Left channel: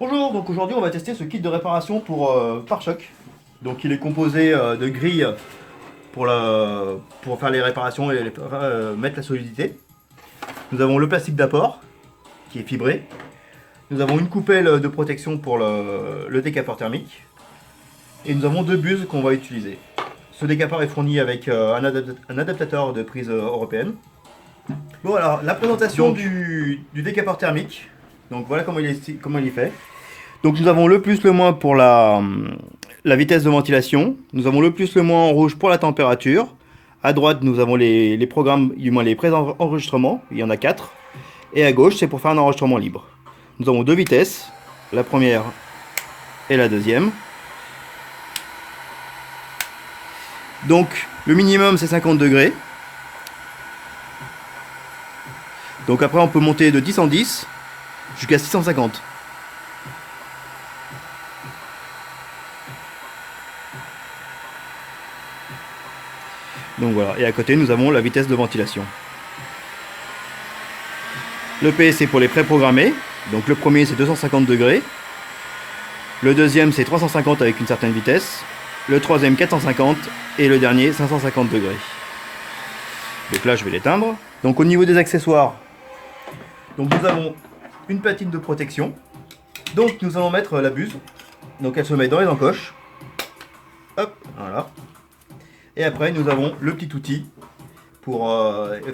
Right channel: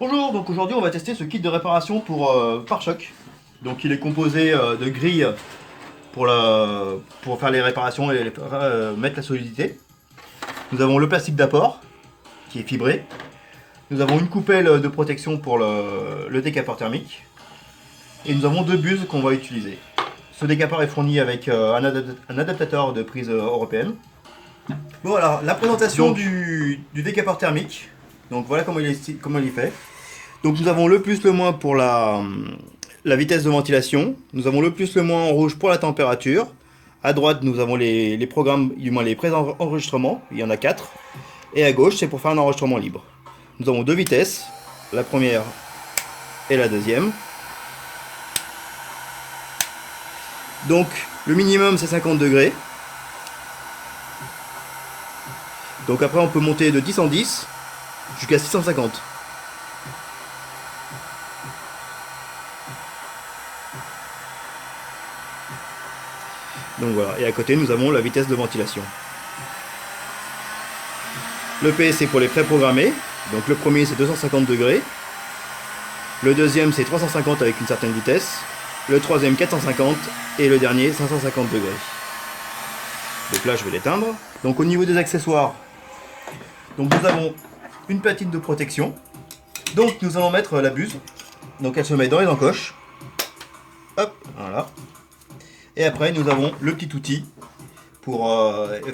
Bonjour, donc aujourd'hui on va tester ce kit de réparation pour pare-choc. Donc il est composé de grilles pour faire les réparations et mettre la solidité. Nous avons le plastique d'apport qui est fibré. Nous avons une coupelle de protection pour le décapeur thermique. Et nous avons deux buses qu'on va utiliser. Ce décapeur est fourni avec un adaptateur de prise européenne. Bon alors, la présentation du décapeur thermique. Donc voilà comment il est fait. Donc nous avons le plus, le moins pour la vitesse de ventilation. Nous avons le plus, le moins en rouge pour la température. À droite, nous avons les programmes, du moins les pré-enregistrements. Il y en a 4. Et à gauche, c'est pour faire un enregistrement libre. Nous avons deux vitesses. La première et la deuxième. Donc le minimum, c'est 50 degrés. Donc après, on peut monter de 10 en 10 jusqu'à 650. Donc voilà, et à côté nous avons la vitesse de ventilation. Le P c'est pour les préprogrammés, donc le premier c'est 250 degrés, le deuxième c'est 350 avec une certaine vitesse, le troisième 450 et le dernier 550 degrés. Donc là je vais l'éteindre. Donc au niveau des accessoires, donc nous avons une platine de protection, donc nous allons mettre la buse, donc elle se met dans les encoches, hop, voilà. Et après, nous avons le petit outil pour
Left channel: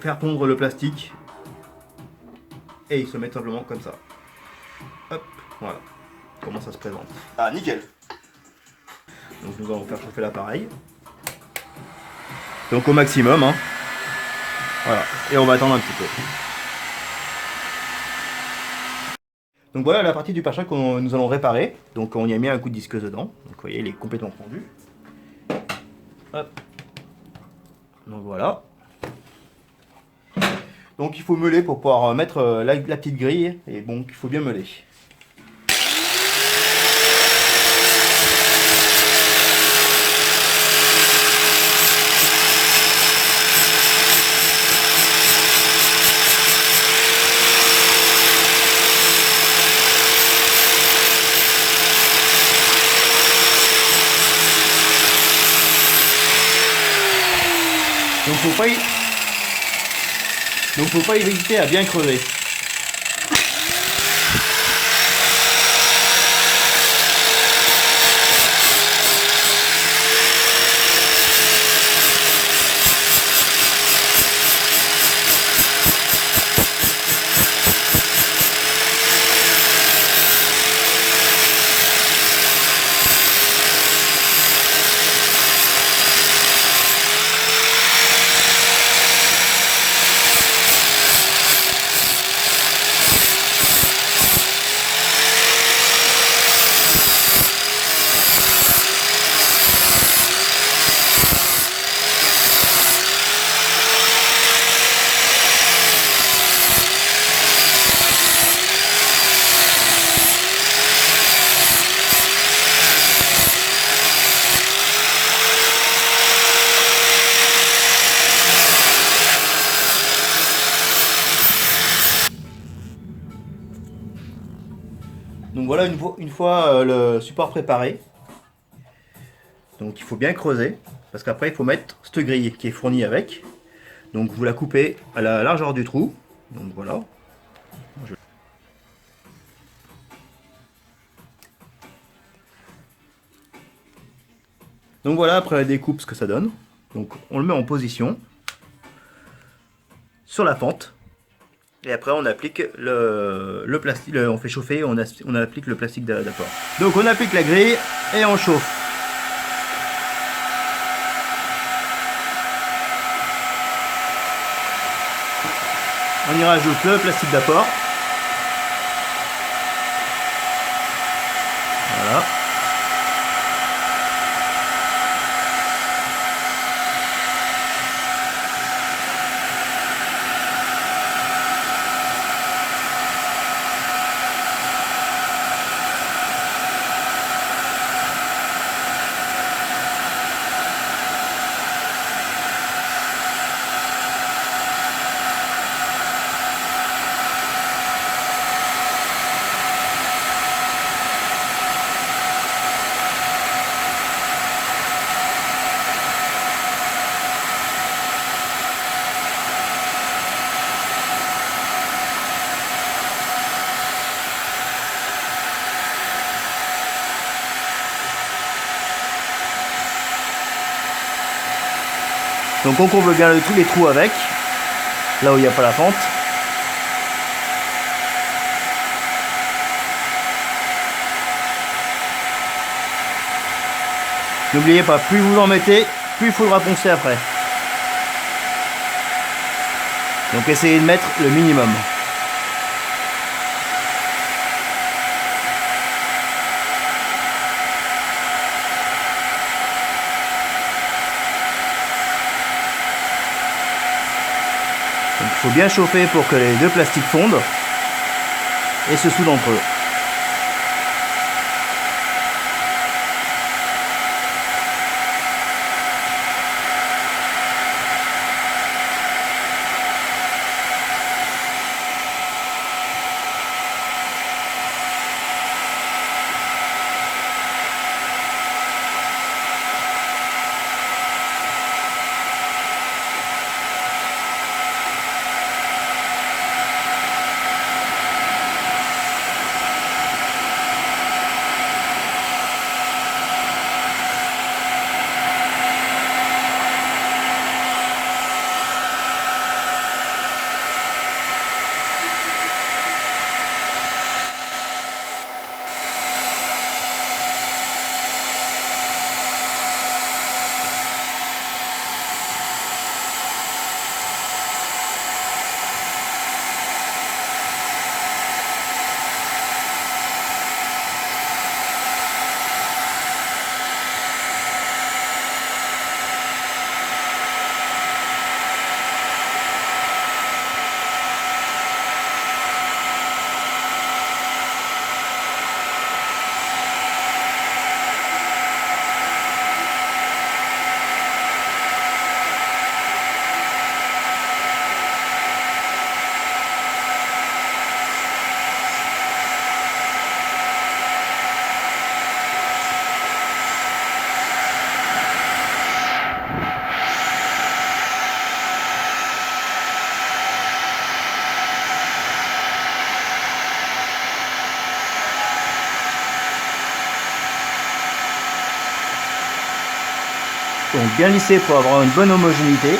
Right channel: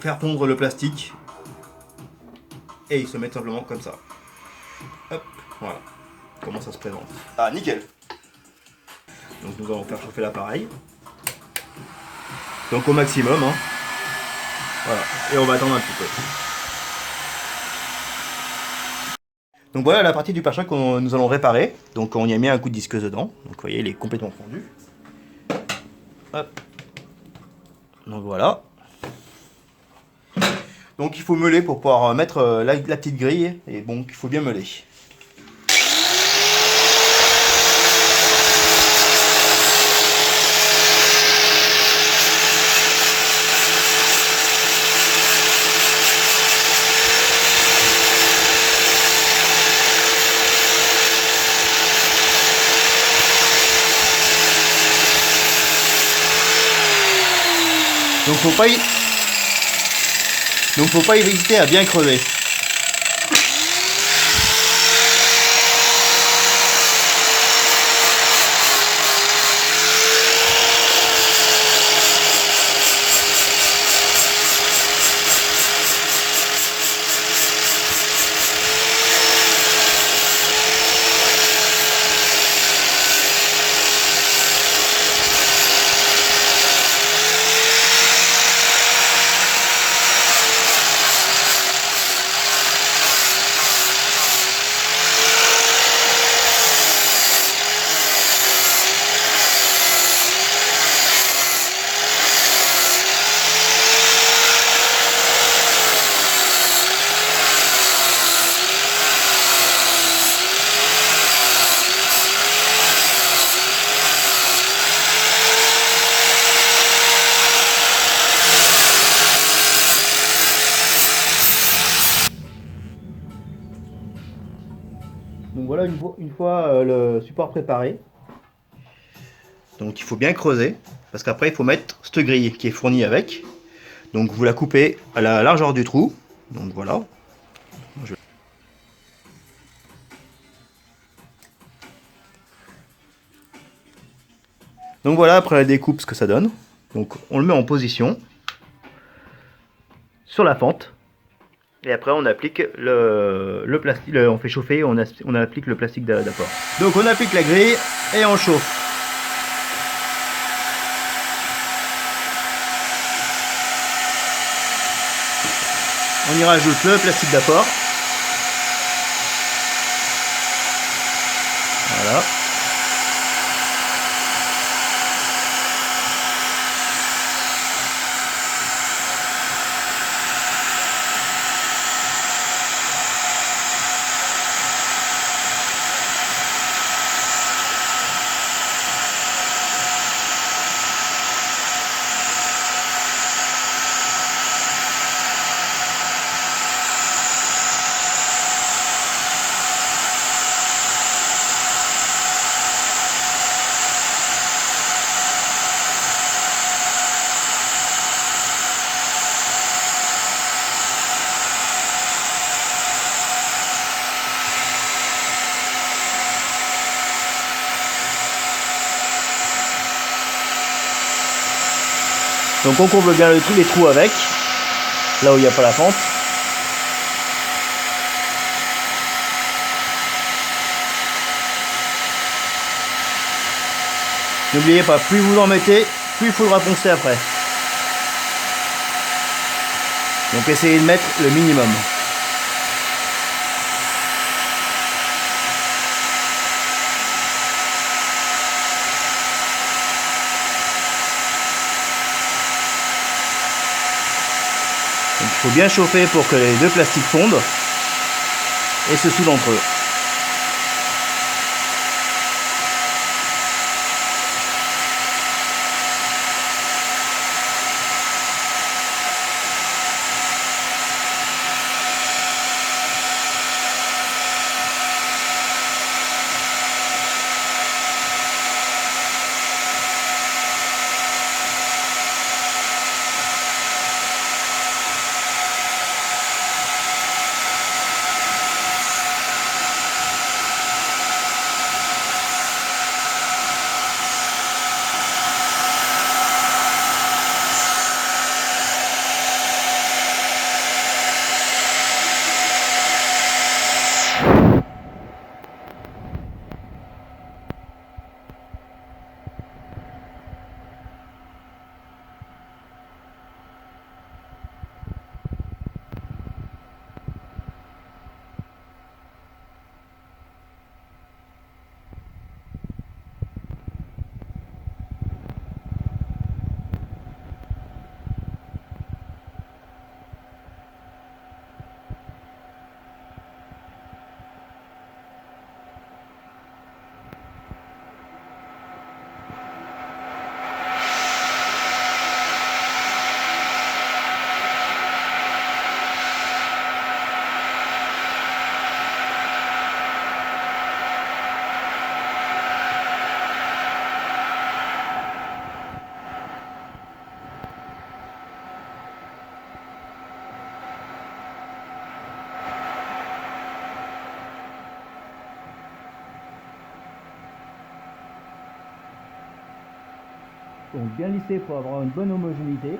faire fondre le plastique. Et il se met simplement comme ça. Hop, voilà. Comment ça se présente. Ah, nickel. Donc nous allons faire chauffer l'appareil. Donc au maximum. Hein. Voilà. Et on va attendre un petit peu. Donc voilà la partie du pare-choc que nous allons réparer. Donc on y a mis un coup de disqueuse dedans. Donc vous voyez, il est complètement fondu. Hop. Donc voilà. Donc il faut meuler pour pouvoir mettre la petite grille. Et bon, il faut bien meuler. Donc faut pas hésiter à bien creuser. Donc voilà une fois le support préparé. Donc il faut bien creuser parce qu'après il faut mettre cette grille qui est fournie avec. Donc vous la coupez à la largeur du trou. Donc voilà. Donc voilà après la découpe ce que ça donne. Donc on le met en position sur la fente. Et après on applique le plastique, on fait chauffer, on applique le plastique d'apport. Donc on applique la grille et on chauffe. On y rajoute le plastique d'apport. Voilà. Donc on courbe bien tous les trous avec, là où il n'y a pas la fente. N'oubliez pas, plus vous en mettez, plus il faudra poncer après. Donc essayez de mettre le minimum. Donc il faut bien chauffer pour que les deux plastiques fondent et se soudent entre eux. Donc bien lisser pour avoir une bonne homogénéité.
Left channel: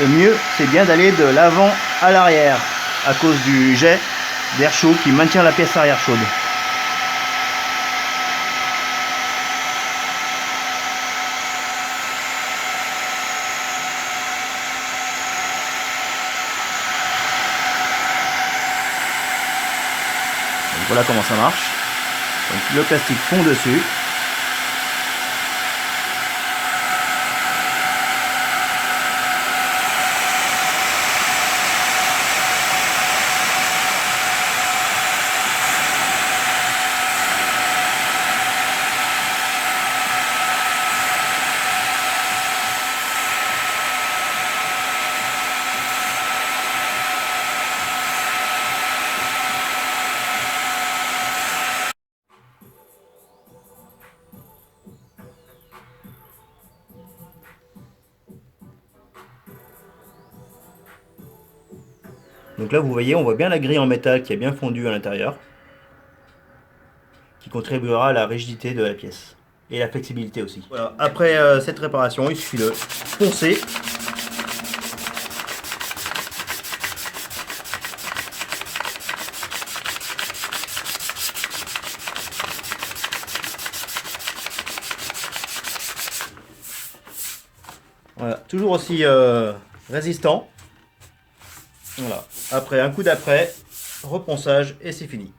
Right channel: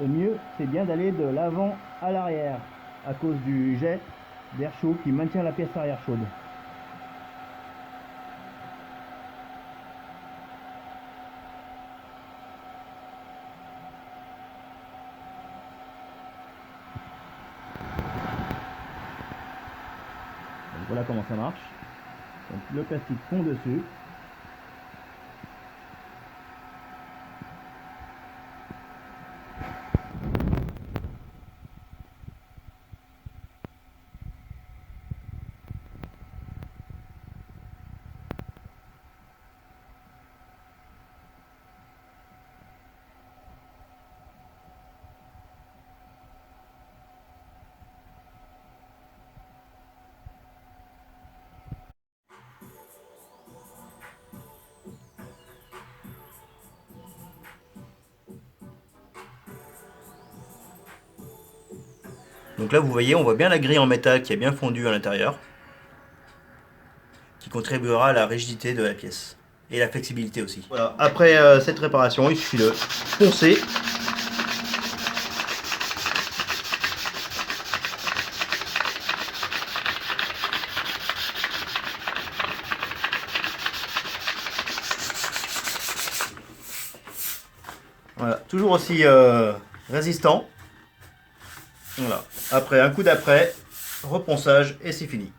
Le mieux, c'est bien d'aller de l'avant à l'arrière, à cause du jet d'air chaud qui maintient la pièce arrière chaude. Donc voilà comment ça marche. Donc le plastique fond dessus. Donc là vous voyez, on voit bien la grille en métal qui est bien fondue à l'intérieur, qui contribuera à la rigidité de la pièce et la flexibilité aussi. Voilà, après cette réparation, il suffit de poncer. Voilà, toujours aussi résistant. Voilà. Après un coup d'après, reponçage et c'est fini.